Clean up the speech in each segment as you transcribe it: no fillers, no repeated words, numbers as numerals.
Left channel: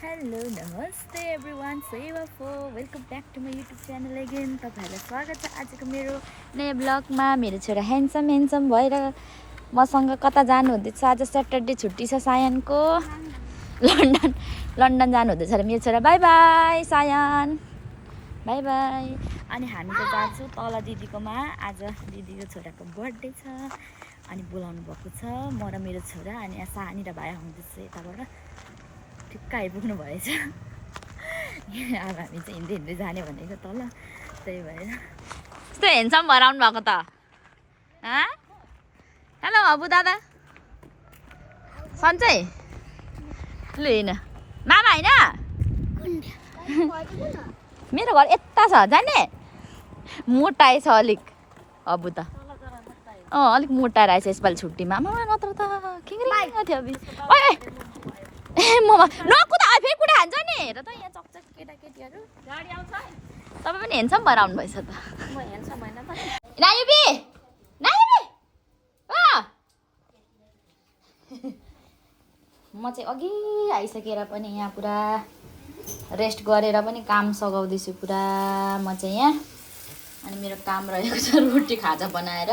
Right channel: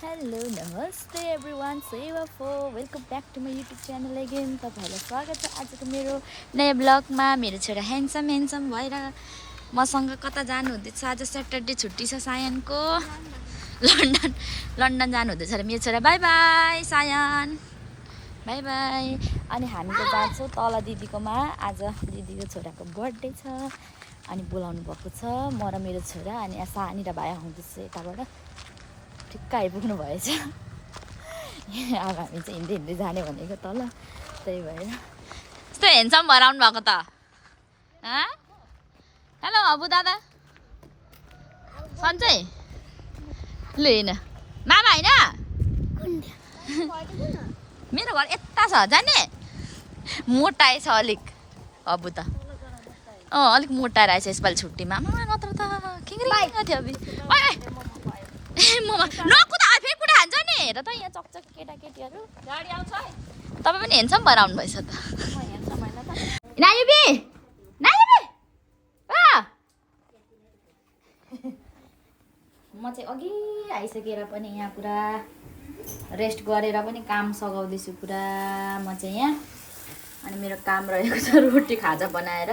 Hello नमस्ते everyone आफाए welcome back to my YouTube channel again तपाईँहरूलाई स्वागत छ आजको मेरो नयाँ ब्लगमा। मेरो छोरा ह्यान्डसम भएर मसँग कता जानु हुँदैछ। आज स्याटरडे छुट्टी छ सायनको। लन्डन जानु हुँदैछ र मेरो छोरा bye bye Sayan bye bye. अनि हामी त जान्छौँ तल दिदीकोमा। आज दिदीको छोराको बर्थडे छ अनि बोलाउनु भएको छ म र मेरो छोरा अनि सानी र भाइ आउँदैछ यताबाट। ठिक्क आइपुग्नु भएछ। अब हामी चाहिँ हिँड्दै हिँड्दै जाने भनेको तल, त्यही भएर यस्तो हेन्सम भएर आउनु भएको त। हेलो अबु दादा सन्चै लु हेर्न मामा होइन मेरो घर यता छ जाने। मोटाएछ अलिक अबु त अलिक मोटा रहेछ यसपालि छुट्टीमा। मामा नत्र त खिङ्रिङ थियो अबि ममा नकुदा फेरि कुडा हान्छ नि। हेर त यहाँ चकचक केटाकेटीहरू गाडी आउँछ। तपाईँ पनि हेन्सम भएर आउनु भएछ त। म हेन्सम होइन त नायुबी म चाहिँ अघि आइसकेर पनि यहाँ पुरा रेस्ट गरेर पनि काम सघाउँदैछु पुरा म चाहिँ यहाँ। अनि मेरो काम रहेको छ रोटी खाजा बनाएर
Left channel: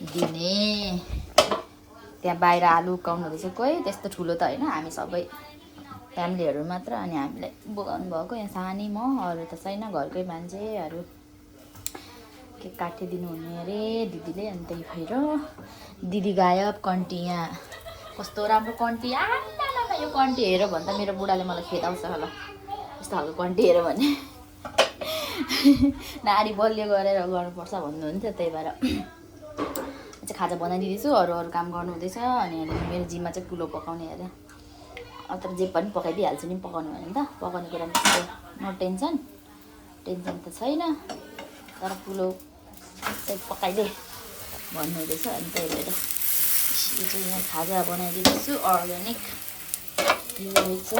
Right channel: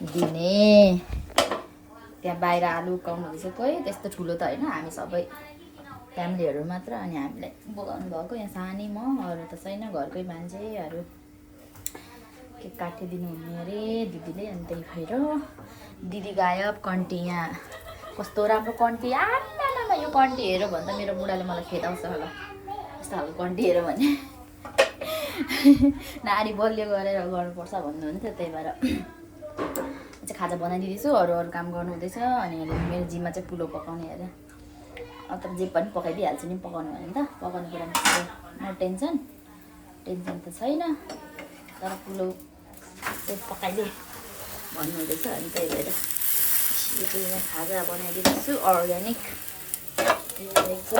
दिने। त्यहाँ बाहिर आलु उकाउनु हुँदैछ कोही, त्यस्तो ठुलो त होइन, हामी सबै फ्यामिलीहरू मात्र। अनि हामीले बोलाउनु भएको यहाँ सानी म, अरू त छैन घरकै मान्छेहरू। केक काटिदिनु हुने अरे दिदीले। अनि त्यही भएर दिदी गायब। कन्टी यहाँ कस्तो राम्रो कन्टी आमा यो कन्टी हेऱ्यो भने त मेरो बुढाले मलाई खेदाउँछ होला यस्तो खालको कन्टी हेऱ्यो भने। नारी बलियो गरेर गर्नुपर्छ भन्नुहुन्थ्यो, त्यही भएर चाहिँ खाजा बनाइदिँदैछु। अरू काम गर्नु हुँदैछ। अनि मेरो जिम्मा चाहिँ पुलाउ पकाउने अरे। अब त जे पनि पकाइदिइहाल्छु नि पकाउनु भने त। पकाउने कुरामा नो टेन्सन त छैन, तर पुलाउ चाहिँ पकाइदिए भन्नु हुँदैछ। अनि त्यही भएर यो चाहिँ यहाँ खाजा बनाइदिँदैछु अर्ग्यानिक। रहेछ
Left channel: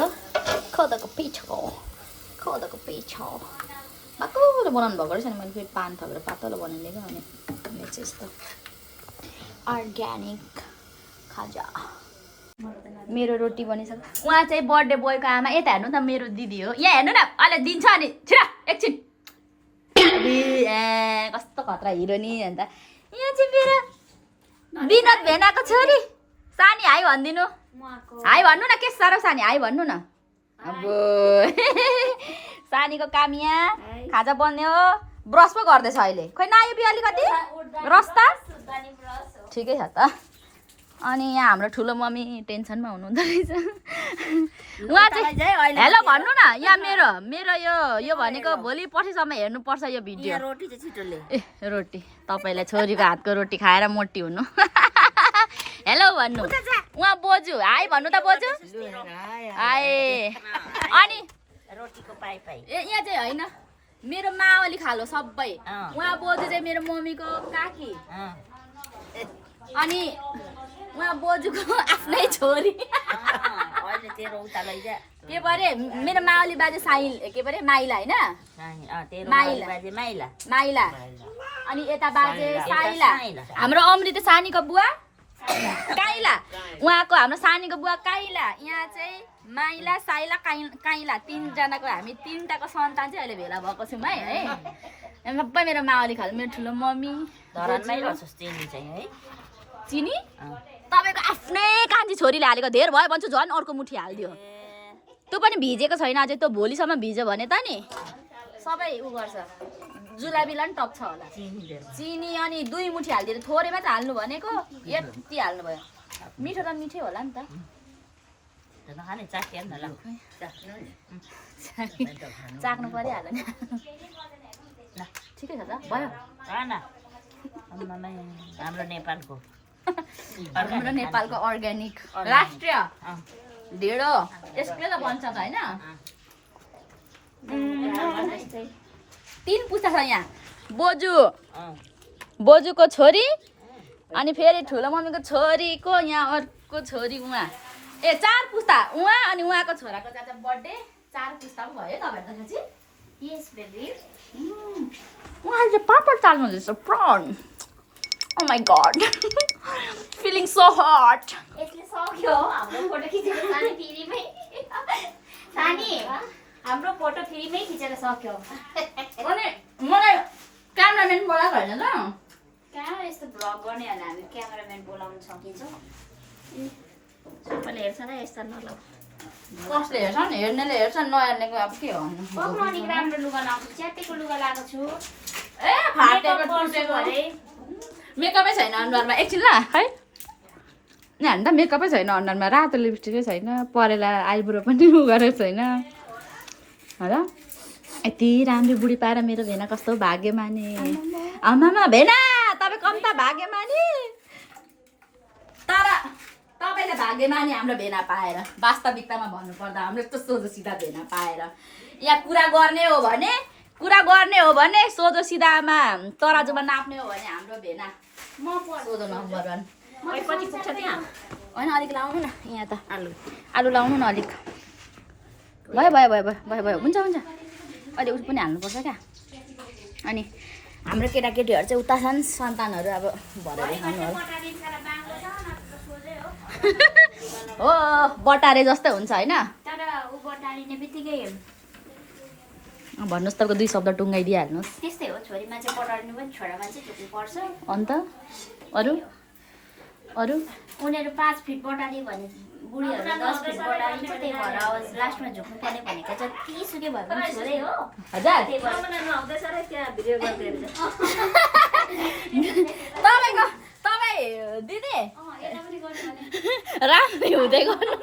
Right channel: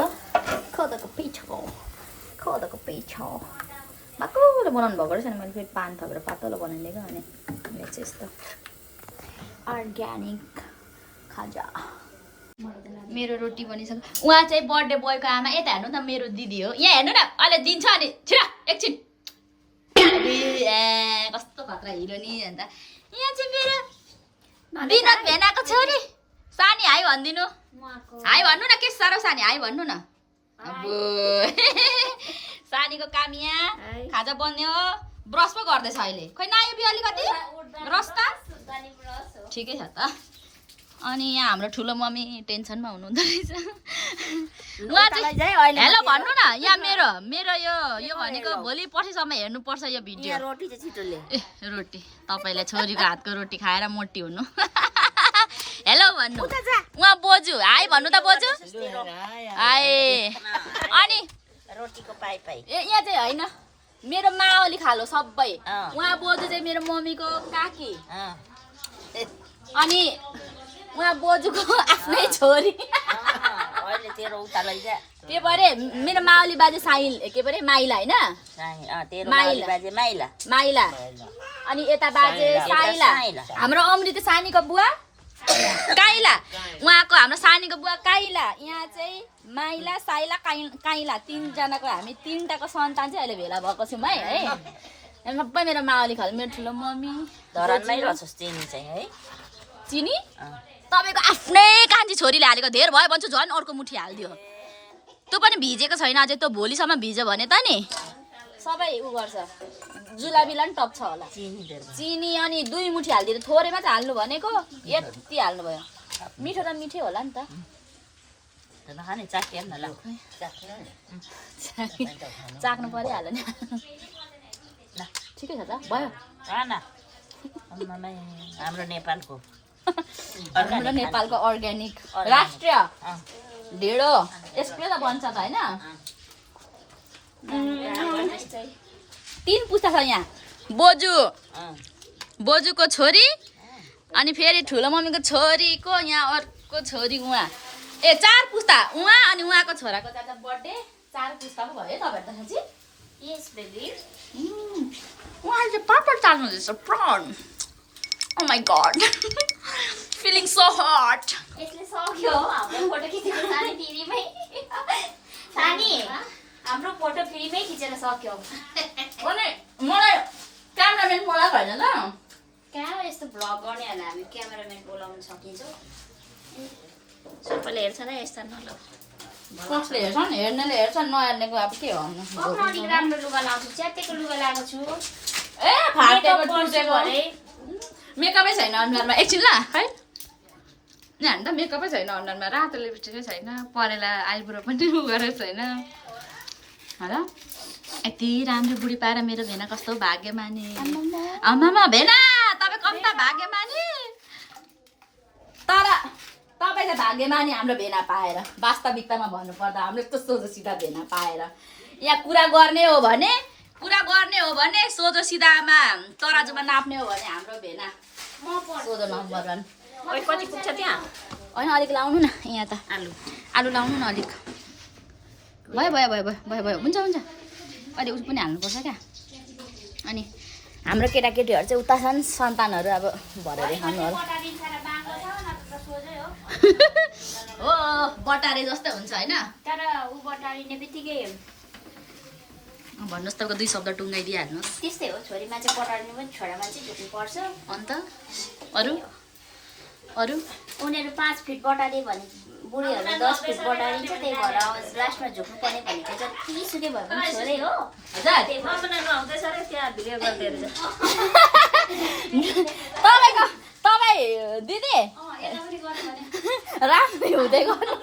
खदाको पिठो बाक्लो बनाउनु भएको रहेछ। अनि मैले फेरि पान थपेर पातलो बनाइदिएको। अनि यो चाहिँ यस्तो अर्ग्यानिक खाजा। मेरो रोटी बनिसक्यो। उहाँ चाहिँ बर्थडे बोयको आमा। यता हेर्नु त मेरो दिदी हो। यहाँ हेर्नु न अहिले दिन्छ अनि छिरा एकछिन कस्तो खतरा हिरो नि। अन्त यहाँ चाहिँ मेरो विनोद भेनाको छोरी सानी हाई भनिदिनु। हाई भन्नु न के साह्रो सानी हाई भन्नु न। अब सानीको काम यहाँ खाजा बन्यो। ब्रस पो गर्दैछ अहिले। खोइ नआयो बि अलिकति रस त ठिकै छ त। अनि यहाँ हाम्रो ठुलो मम्मी टेन्सनमा हुनुहुँदो रहेछ। उहाँ चाहिँ हेलो भन्नु न। यहाँ मेरो यो भनेको भोलि पर्सिसम्म हेर्नुपर्छ यो भिडियो। रोटी चाहिँ छिटोले रोटी तपाईँलाई छोरीको हातको रोटी खाएर मोटी हुनु। हेलो भन्नु। उहाँ बोजू हाई भन्नु त बोजू हाई। अनि यहाँ चाहिँ होइन मेरो मावली खालो सबै। उहाँ बोजू चाहिँ मेरो मम्मीको काकी। अनि उहाँ बोजूको आफ्नै छोरी। के परे मेरो मावली बाजे साइल के परे माइला होइन माइला। अनि यता बाजे साइला। हाम्रो अमृत सानीको बुवा काइला। उहाँको हाम्रो सानीको बुवा काइला। यहाँ चाहिँ माइला साइला काइला तीनजनाको हामी तीनटाको सन्तान चाहिँ अहिले भेला भएको छौँ है। सबै मेरो मावली खाल। मेरो ठुलो मम्मी चिनी तपाईँको आफ्नै कान्छी छोरीले हालेको धेर भयो भन्छु झन् अर्को मुठी हालिदियो। त्यो पनि भिजेको छैन अझै। त्यो भोलिसम्म भिज्यो भने त नि सबै उ गर्छ जुलाबीलाई पनि टप्छ होला चिनी। अनि 2 मुठी हालिदिएर थोरैमा चाहिँ हाल्नु भनेको यति हाल्नुभयो। मिठो त मिठै होला नि त। चाख्नु परिहाल्यो नि। ठिकै छ त भयो। हाम्रो नेपालको अर्ग्यानिक राष्ट्रिय ढेँडो यसले त बन्छ त होइन। 3 पुस्ता छ यहाँ। बोजूको छोरी अनि फेरि ठुलो मम्मीको छोरीको यहाँ अर्को छोरी उहाँ 4 पुस्ता उहाँ अनि उहाँको छोराको चाचा बर्थडे 4 पुस्ता पो भयो तपाईँहरू त साँच्ची। यस बेबी उहाँले चाहिँ पापड चाल्नु हुँदैछ prawn. Oh my god. Feeling so hot. यसले सक्यो हाम्रो फोटो खिचेको छ नि टिभीमै। फ्रीमै खिचेर सक्यौ अनि मलाई क्यामेराम्यान बोलाएको होइन त कहाँ यस्तो भ्लग गर्नेहरूलाई हामी क्यामेराम्यान बोलाउन सकिन्छ सबैले हेर्छ र यस्ता नलग कसले हेर्छन् हेर्नेले हेर्छन् नहेर्नेको अब के हो पक्न अलिक राम्रो लुगा लाउँछु च्यातेको लुगा लगाएको छु ए फाटेको टुटेको अरे मेकअपै छैन अनुहारमा एकछिन ल है यहाँ त मेकअपै छैन अनुहारमा रातो लिपस्टिकै छैन परेला आइब्रो पनि उ गरेको छैन होला यति राम्रो बुढी पाएर मेरो भेना कस्तो भाग्यमानी आमामा भेना तपाईँ कम्ता भाग्यमानी तर तपाईँले भाग्यमानी हाम्रो भेना पाएर वास्तविकतामा भन्नुपर्दा हाम्रो यस्तो सोझो सिधा भेना पाएर यहाँ कुरा गर्ने हो भने सोझो सिधामा तराजुमा नाप्ने हो भने हाम्रो भेना सोझो नम्बर 1 कति पुग्छ त्यहाँ होइन अलिक लाउनु न यहाँ त आलु लाउनु न अलिक भयो हुन्छ अहिले उस पनि हाल्नुपर्छ क्या अनि हाम्रो केटाकेटीहरू चाहिँ उता छन् सन्तानहरू अब भरेर खानु होला हो बटारे जस्तै हुन्छ होइन तर उ बटारिने बित्तिकै भन्नुहोस् तपाईँको 2 शब्द टुङ्गाइदिइहाल्नुहोस् त्यस्तै हो छोरी मान्छे बटारिनु पनि छोरा मान्छे झुक्नु पर्छ अन्त अरू उनीहरू 5 फिट बटाले भने बुढीहरू 10 फिट बटालिन्छ त्यही भएर अब लास्टमा झुक्नु पर्ने भनेको चाहिँ तीसुकै भए पनि छोरै हो तपाईँ दिदी राम्ररी हुँदै गर्नु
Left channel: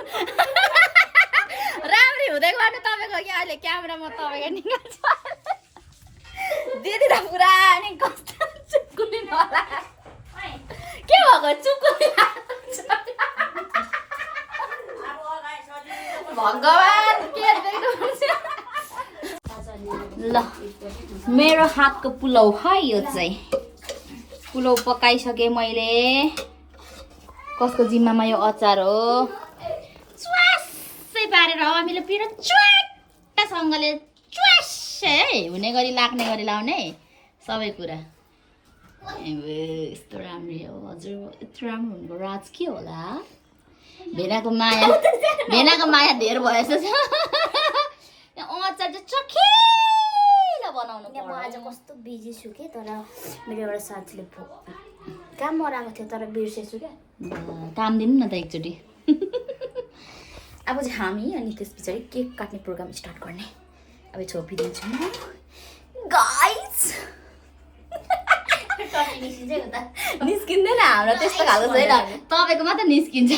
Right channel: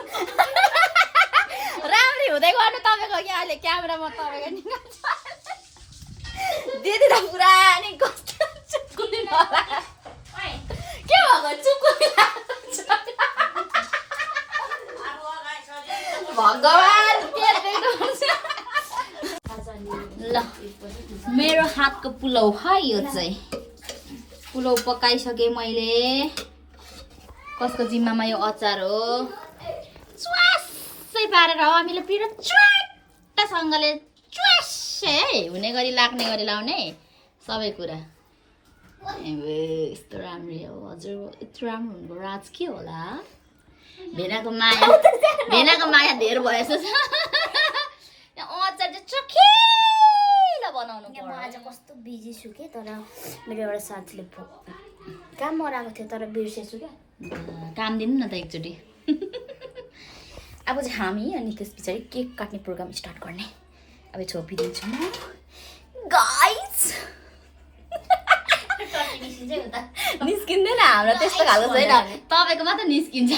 तपाईँको यहाँ अहिले क्यामेरामा तपाईँको निकाल्छ दिदी त पुरा नि कस्तो चुक्कुली होला के भएको चुक्कुली भगवान के ल मेरो हातको पुलाउ है यो चाहिँ पुलाउ पकाइसकेँ मैले कसको जिम्मामा यो अचार हो च्वासै पारेर हामीले पिरो च्वाट्टसँगले च्वासै है हुने गरी लाग्ने गरी लाउने सबै कुरा यस्तो राम्रो हो हजुर यत्रो राम्रो हुनुको राज के होला भेनाको माया धेर भएछ अचार चाहिँ चखिलो बनाउनु म आज कस्तो बिजी छु के तर मेरो एउटा साथीले काम मराएको थियो तर बिर्सेछु क्या काम दिनु न त एकचोटि अब चाहिँ हामी अनि त्यस पछाडि केक काट्ने प्रोग्राम स्टार्ट गर्ने अब छोपिदिन्छु म गाइस निस्किँदैन हाम्रो त्यस्तो खालको छैन तपाईँको मात्र निस्किन्छ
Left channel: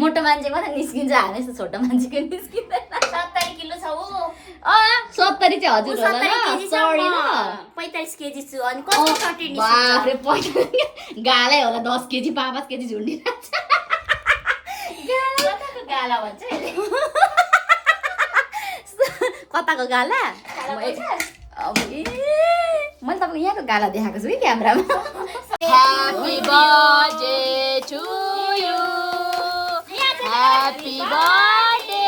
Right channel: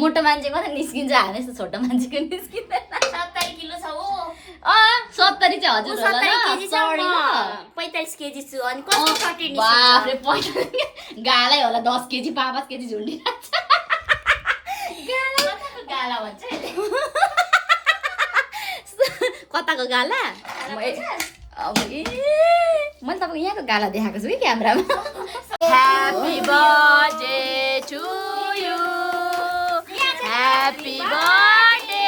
मोटो मान्छे मात्र निस्किन्छ हामी यस्तो छोटो मान्छेको निस्किँदैन 70 किलो छ हो 70 चाहिँ हजुर होला न 45 केजी छु अनि कस्तो 30 बाफरे 45 गालै होला 10 केजी 5 केजी झुन्डिरहेछ गाला भन्छ कताको गाला मैले तपाईँको यहाँको गाला देखाएको छु कि क्यामेरामा happy birthday to you happy birthday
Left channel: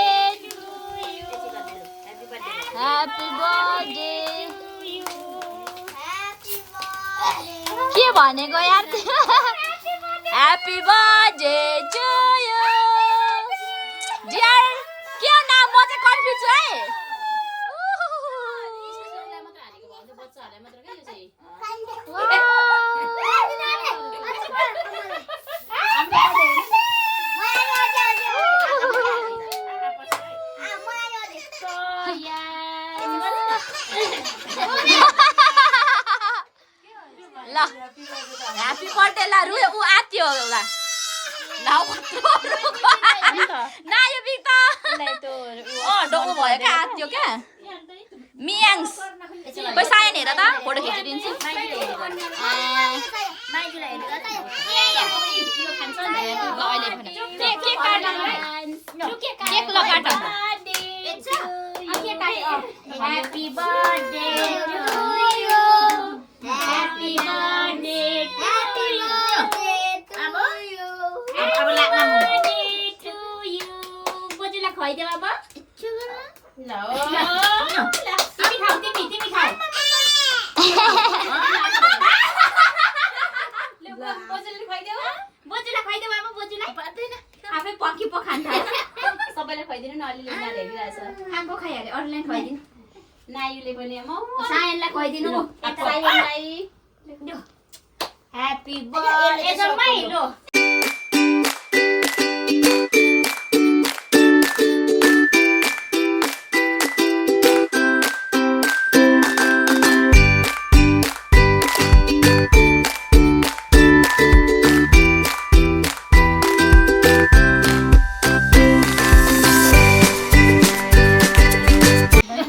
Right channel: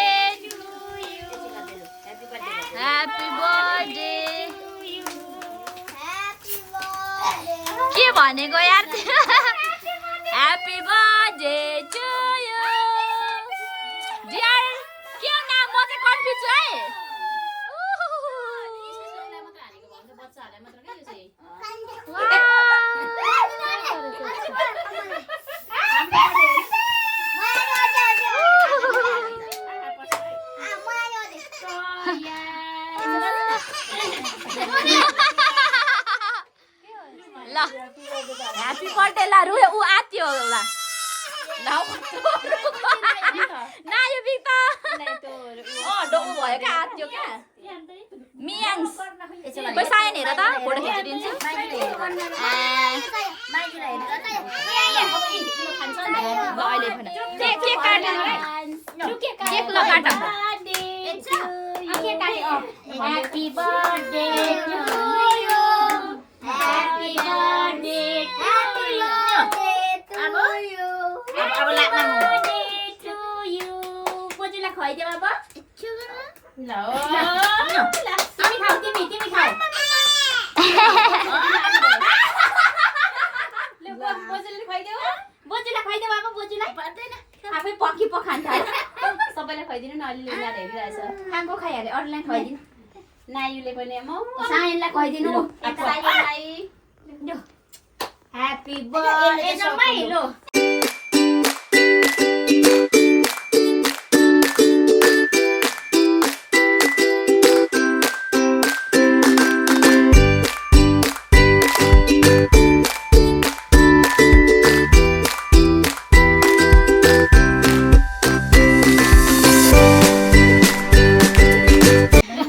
happy birthday के भनेको यार happy birthday to you dear के नाम म चाहिँ कन्फ्युज छु है ल ह्याप्पी बर्थडे ला रु उ आत्यो होला ल ना यो बिता डोको भयो क्या आत्यो क्या मियाङ्स कोही सायन हेर त फोटो खिचिदिन्छु ल अहिले भन के काट्नु केक ल काट Happy birthday to you. Happy birthday to you. Happy birthday to you. बोजूलाई खुवाइदे बाबा ल तिमी खाऊ तिमी खाऊ बोजूलाई खुवाइदे बाबा बोजूलाई पर्दैन आफै पकी पखान्छ सबैलाई खुवाइदिनु न अलि लिएर हेरिरहेछ आम्बो खाइहाले अरूलाई खुवाइदिनु नायुले पनि सायनलाई कहिदिनु सायनलाई ह्यापी बर्थडे एजमै लो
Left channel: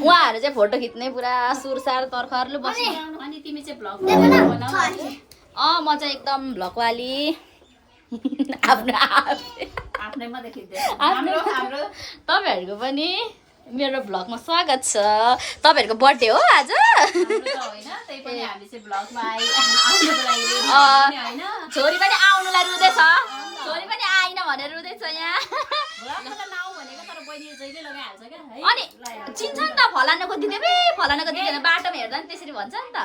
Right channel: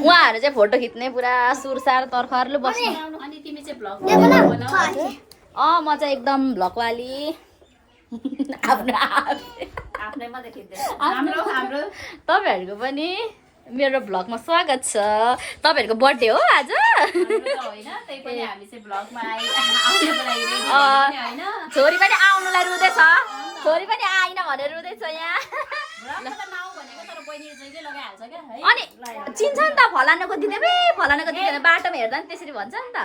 उहाँहरू चाहिँ फोटो खिच्ने पुरा सुरसार तर्खरले बस्नु अनि तिमी चाहिँ भ्लग बनाऊ म चाहिँ एकदम भ्लगवाली आफ्नो आफ्नै मात्रै खिच्दै हाम्रो तपाईँहरूको पनि मेरो भ्लगमा स्वागत छ। तपाईँहरूको बर्थडे हो आज? होइन त्यही पनि हामी चाहिँ भ्लगमा आउनुको लागि रेडी होइन छोरी पनि आउनुलाई रुँदैछ, छोरी पनि आइन भनेर रुँदैछ यहाँ। भ्लगमा नाउ भनेको तर बहिनीले जहिले लगाइहाल्छ क्या है अनि चिन्छ नि त, फलानाको दिँदै फलानाको दिँदैन, बाटोमा हेर्दा नि त्यसरी भन्छ नि त।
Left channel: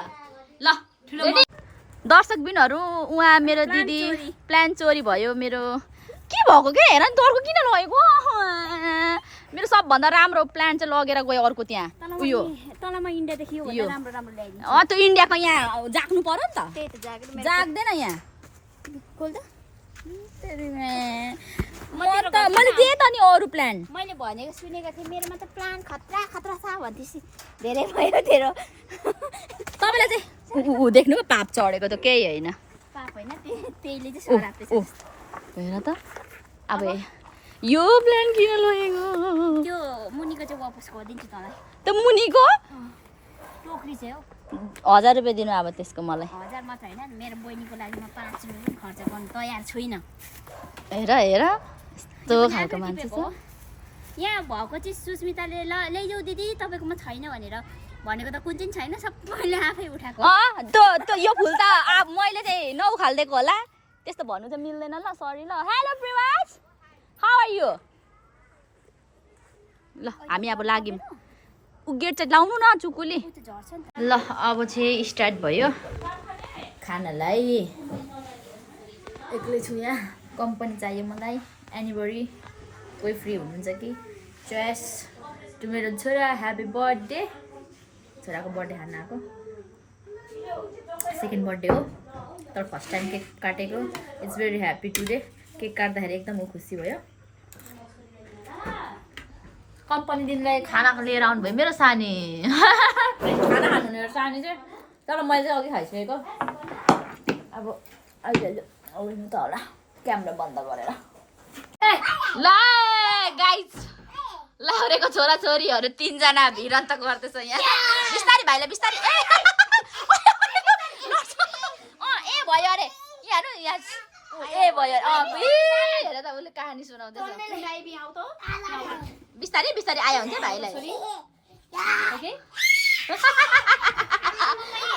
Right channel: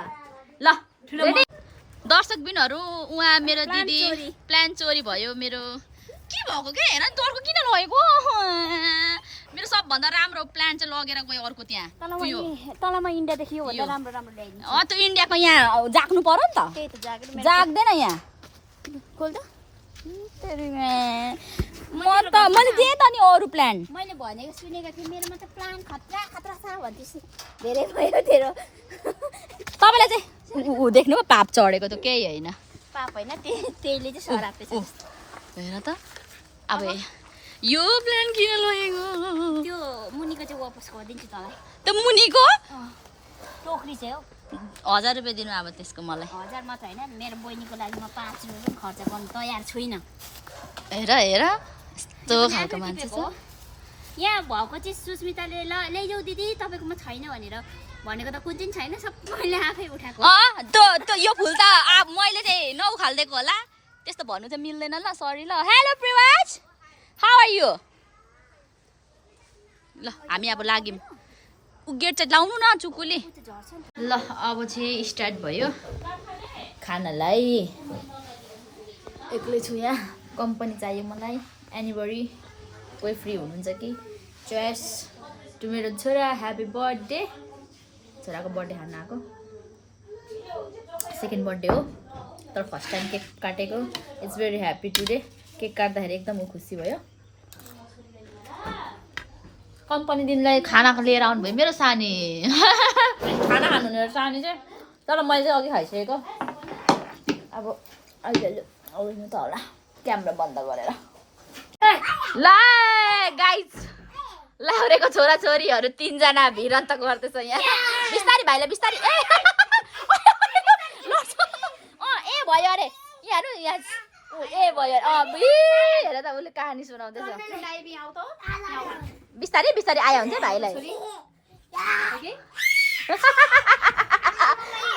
ल रेडी? दर्शक बिनहरू, उहाँ मेरो दिदी प्लान चोरी भयो मेरो। के भएको के हेर नि, तर्को किन लगेको? मेरो सबभन्दा राम्रो प्लान चाहिँ लगेर गयो अर्को त्यहाँ उयो तलमा इन्डिया देखियो भन्दा राम्रो राम्रो ल्याइदिनु त्यो इन्डियाको यहाँ जाग्नु पर्यो नि त, जाग्दैन यहाँ। मैले दिएँ त नि अरू प्लान। मैले भनेको सुनेको थिएँ मेरोमा त प्लान खतरा खतरा छ भन्दैछु धेरै भयो तेरो तपाईँलाई चाहिँ देख्नु पाप चढेको त केही होइन। पाप होइन त्यसले चाहिँ सराप्दैछ हेर त अब यो प्लान किन लगेको? त्यो मुनिको चाहिँ वापस गरिदिन्छु तँलाई। त्यो मुनिको टोकरी चाहिँ हो 1000 रुपियाँ दिनु अब त्यसको मलाई। 1000 मात्र होइन मेरो बहिनीको लागि म 5 रुपियाँ पनि खर्च गर्नु तयार छुइनँ। हेर हेर यस्तो खालको मान्छे छ। यहाँ भएको चिज सुस्मिताले ल्याइजाऊ दिदी तपाईँकोमा छैन भनेर भनेको त कुन चाहिँ छैन, सबैले आफै उठाएको। त्यो यो फुल त मैले चाहिँ नउखालिदिएको होला, त्यस्तो भन्नु चाहिँ मिल्दैन ल, सरी ल। हेलो प्रिवाज, हाउ आर यु? ल हामी अब लाग्यौँ। गेट चाहिँ लाउनु न चुकुली। ल अब चाहिँ स्टार्ट भयो खानालाई। एक्लै छु यहाँ, कम्पनी चाहियो मलाई। एनिभरी कोही फ्री हुनुहुन्छ कि? चोइस टु मेरो छोरा, ह्याप्पी बर्थडे। छोराको बर्थडे खान आएको, सेकेन्ड बर्थडे हो तर फर्स्ट टाइम केक काटेको। It's very happy today. Cake काट्दाखेरि एकदम खुसी भयो। कम्पनी दिनलाई खानाको लिएर आउनुभयो मेरो सानी। खाना खानु मेरो सानी चाहिँ, तर मैले चाहिँ अघि खाइसकेको। अब अहिले आउनु त होला क्यामेरा बन्द गरेर। ल गाइज, लाउरेको छोराछोरीहरू 3 जना भिरन्त गर्दैछ यहाँ। बिस्तारी भाइलाई बिस्तारी। ए भयो अरे यहाँहरू यहाँ ए भयो हेर त उसले कहानी सुनाउँदैछ। बिस्तारै बिस्तारै आयो हुन्छ भाइलाई।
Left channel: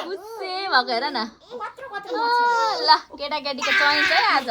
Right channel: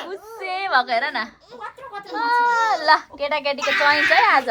खुसी भएको हेर न। ल केटाकेटीको चोइस है आज।